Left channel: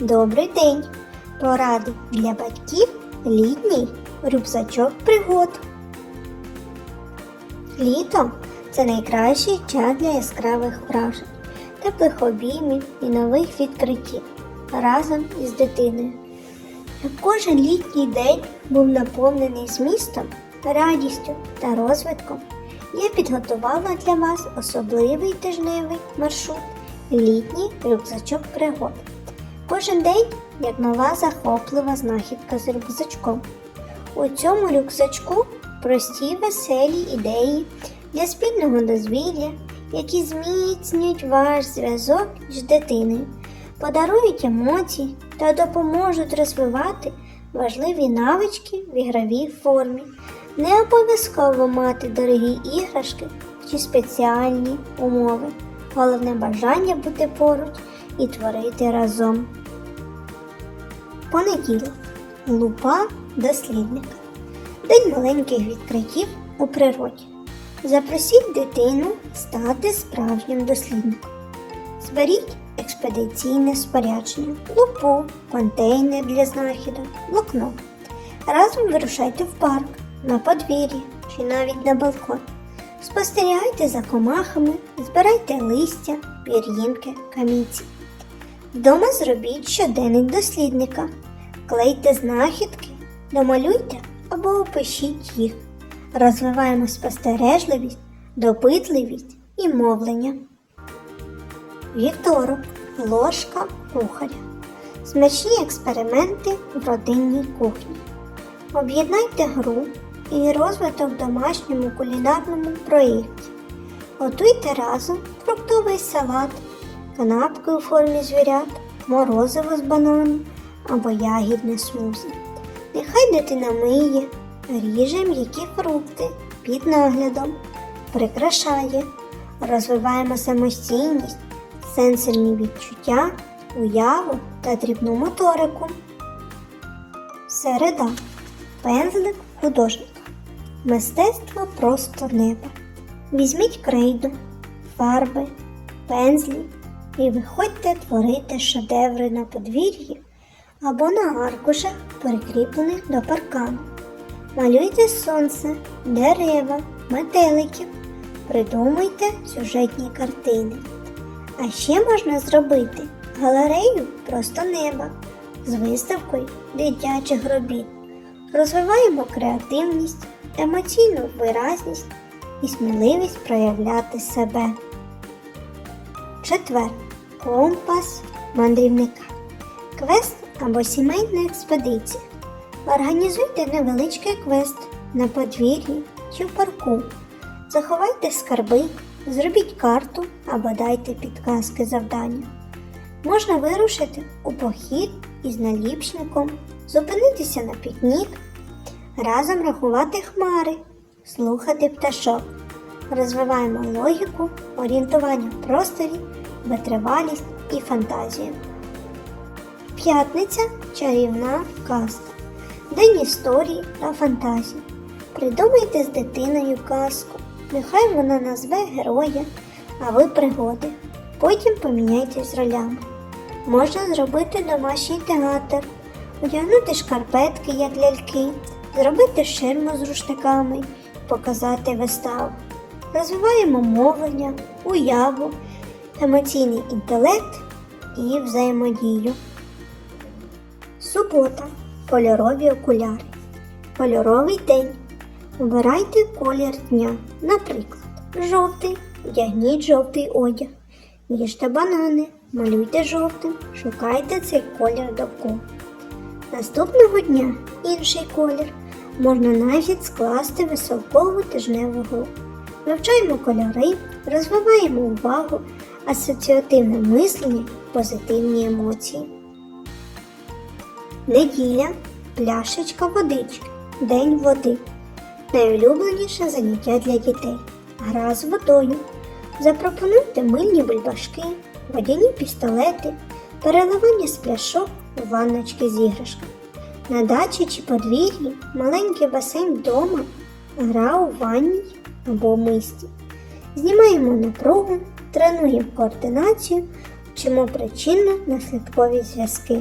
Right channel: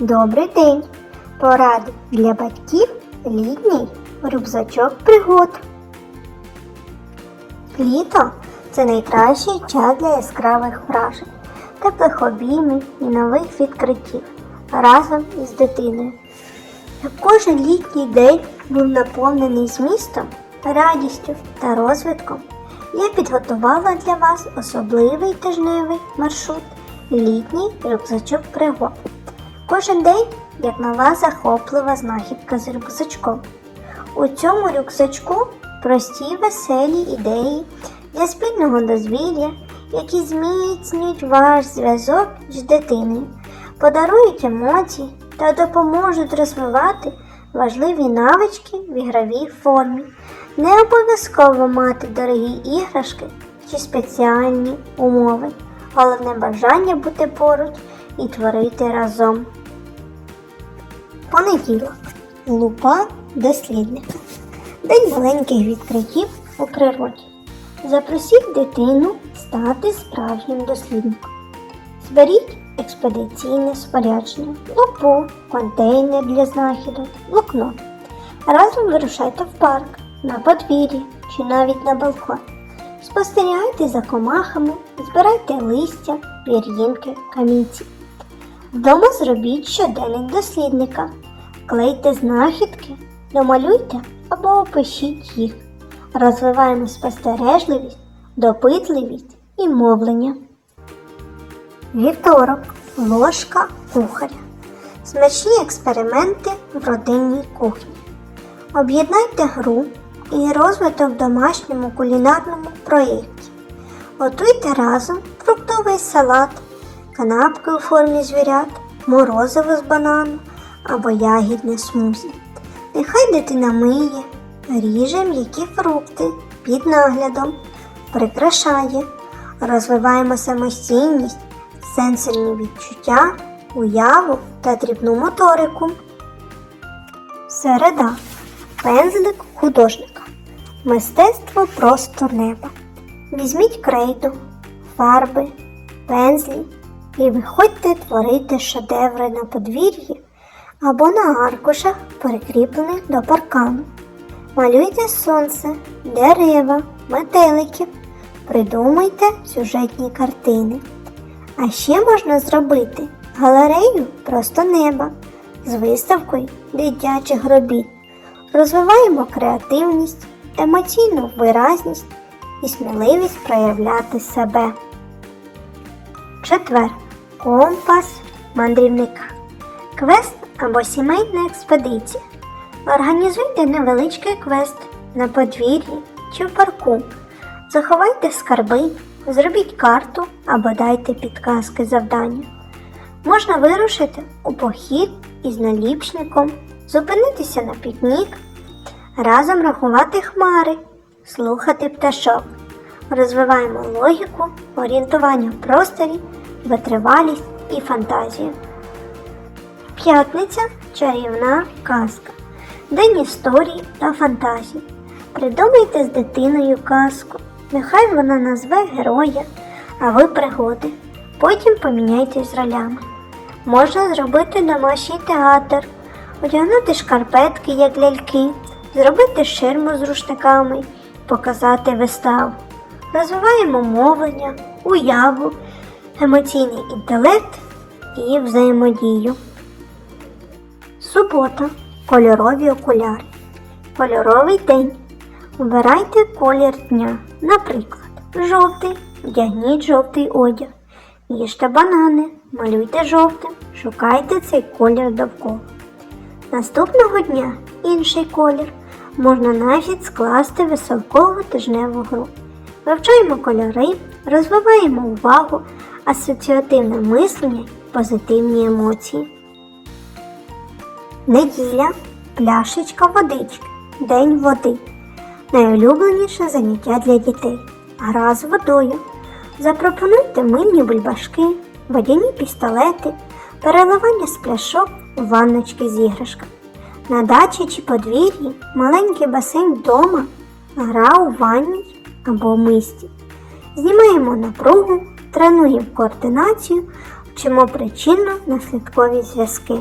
Добрий день! Поради для батьків літній рюкзачок пригод. Літо це найкращий час для яскравих вражень, теплих обіймів і нових відкриттів разом із дитиною. Кожен літній день був наповнений змістом, радістю та розвитком. Я підготувала для вас особливий тижневий маршрут літній рюкзачок пригод. Кожен день як нова захоплива знахідка з рюкзачком. У цьому рюкзачку прості веселі ідеї для спільного дозвілля, які зміцнюють ваш зв'язок з дитиною, подарують емоції та допоможуть розвивати важливі навички в ігровій формі. Не обов'язково мати дорогі іграшки чи спеціальні умови. Головне бажання бути поруч і творити разом. Понеділок. Лупа дослідника. День маленьких відкриттів у природі. Запросіть дитину стати справжнім дослідником. Зберіть експедиційне спорядження, лупу, контейнер для знахідок, блокнот. Разом вирушайте в парк, на подвір'я чи навіть на балкон. Спостерігайте за комахами, збирайте листя, пір'їнки, камінці. Вдома зробіть щоденник дослідника. Клейте знахідки, домалюйте або опишіть їх. Розвиваємо спостережливість, допитливість і мовлення. Вівторок. Ложка кухаря. Смачні експерименти в родинній кухні. Об'єднайте гру і розвиток в домашньому кулінарному проєкті. Готуйте разом фруктовий салат, канапки у формі звірят, морозиво з банану або ягідне смузі. Нехай дитина миє, ріже м'які фрукти під наглядом, прикрашає, розвиваємо самостійність, сенсорні відчуття, уяву та дрібну моторику. Середа. Пензлик художника. Мистецтво просто неба. Візьміть крейду, фарби, пензлі і виходьте творити шедеври на подвір'ї або на аркушах, прикріплених до паркану. Малюйте сонце, дерева, метеликів, придумайте сюжетні картини. А ще можна зробити галерею просто неба з виставкою дитячих робіт. Розвиваємо креативність, емоційну виразність і сміливість проявляти себе. Четвер. Компас мандрівника. Квест або сімейна експедиція. Організуйте невеличкий квест на подвір'ї чи в парку. Заховайте скарби, зробіть карту або дайте підказки завдання. Можна вирушити у похід із наліпшником, зупинитися на пікнік, разом рахувати хмари, слухати пташок. Розвиваємо логіку, орієнтування в просторі, витривалість і фантазію. П'ятниця чарівна казка. День історії та фантазії. Придумайте з дитиною казку. Нехай вона назве героя, а ви пригоди. Потім поміняйтесь ролями. Можна зробити домашній театр, одягнути шкарпетки, як ляльки, зробити ширму з рушниками, показати виставу. Розвиваємо мовлення, уяву, емоційний інтелект і взаємодію. Субота. Кольорові окуляри. Кольоровий день. Обирайте колір дня. Наприклад, жовтий. Вдягніть жовтий одяг. Їжте банани, малюйте жовтим, шукайте цей колір довкола. Наступного дня інший колір. Можна навіть скласти веселкову тижневу гру. Вивчаємо кольори, розвиваємо увагу, асоціативне мислення, позитивні емоції. Неділя, пляшечка водички, день води. Найулюбленіше заняття для дітей. Гра з водою. Запропонуйте мильні бульбашки, водяні пістолети, переливання з пляшок у ванночки з іграшками. На дачі чи подвір'ї маленький басейн вдома, гра у ванні або мисті. Знімаємо напругу, тренуємо координацію, вчимо причинно наслідкові зв'язки.